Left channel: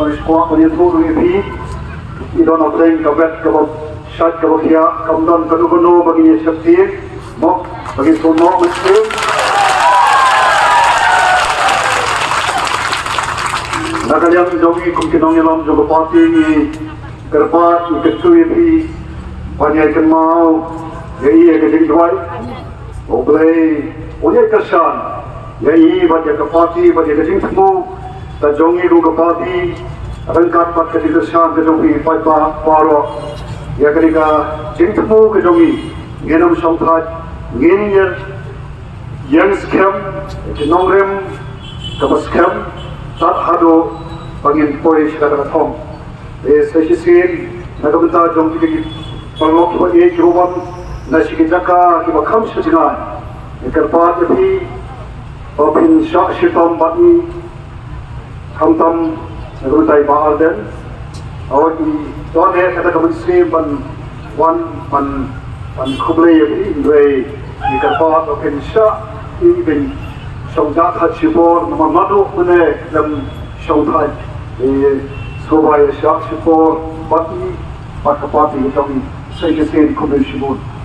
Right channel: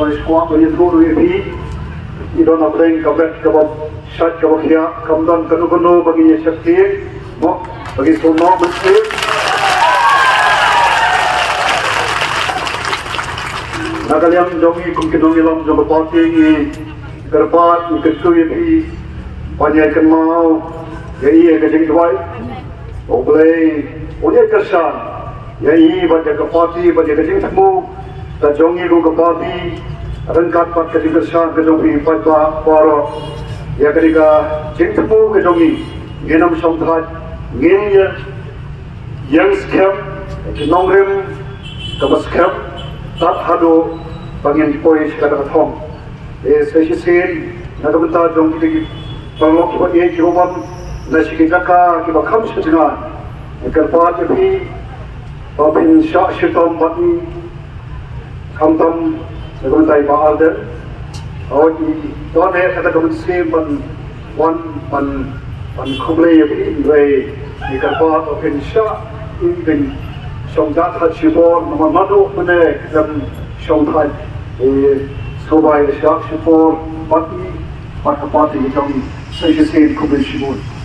When it's quiet, when you throw the EP, you don't have things kabat kabab shot kabab kia kamdan kanu bagi sakti mo bagi sono mesti nakalian jogi kumkinong ilam jogo party ni kerbat ni kesu EP panjai kenmau yai ke jing dwai oblei oye kesan yai bagi ke party bagi ke jing temu ta jongi ru ke party rangkat pat ke kesan ke jogi pat paro ya ketika jing temu ke jogi ngenam songkhat ngin yang scam ke nongrem ke scam tat hado pangin poi sekadar thom sesi sin nagamta jong ki pangok ko e juwan na sikijaka ki bakham sujina kerpa ti popin sha shitom bati kamtam nagamta ba alden awaki don he kata ko sin ban wan pan khuble yi doi ki kerpa popin sha in song da khat chibor mamado pune dam song thai Survey Shop Shipor, Bati, Bakapati, Tommy, Say the same commission.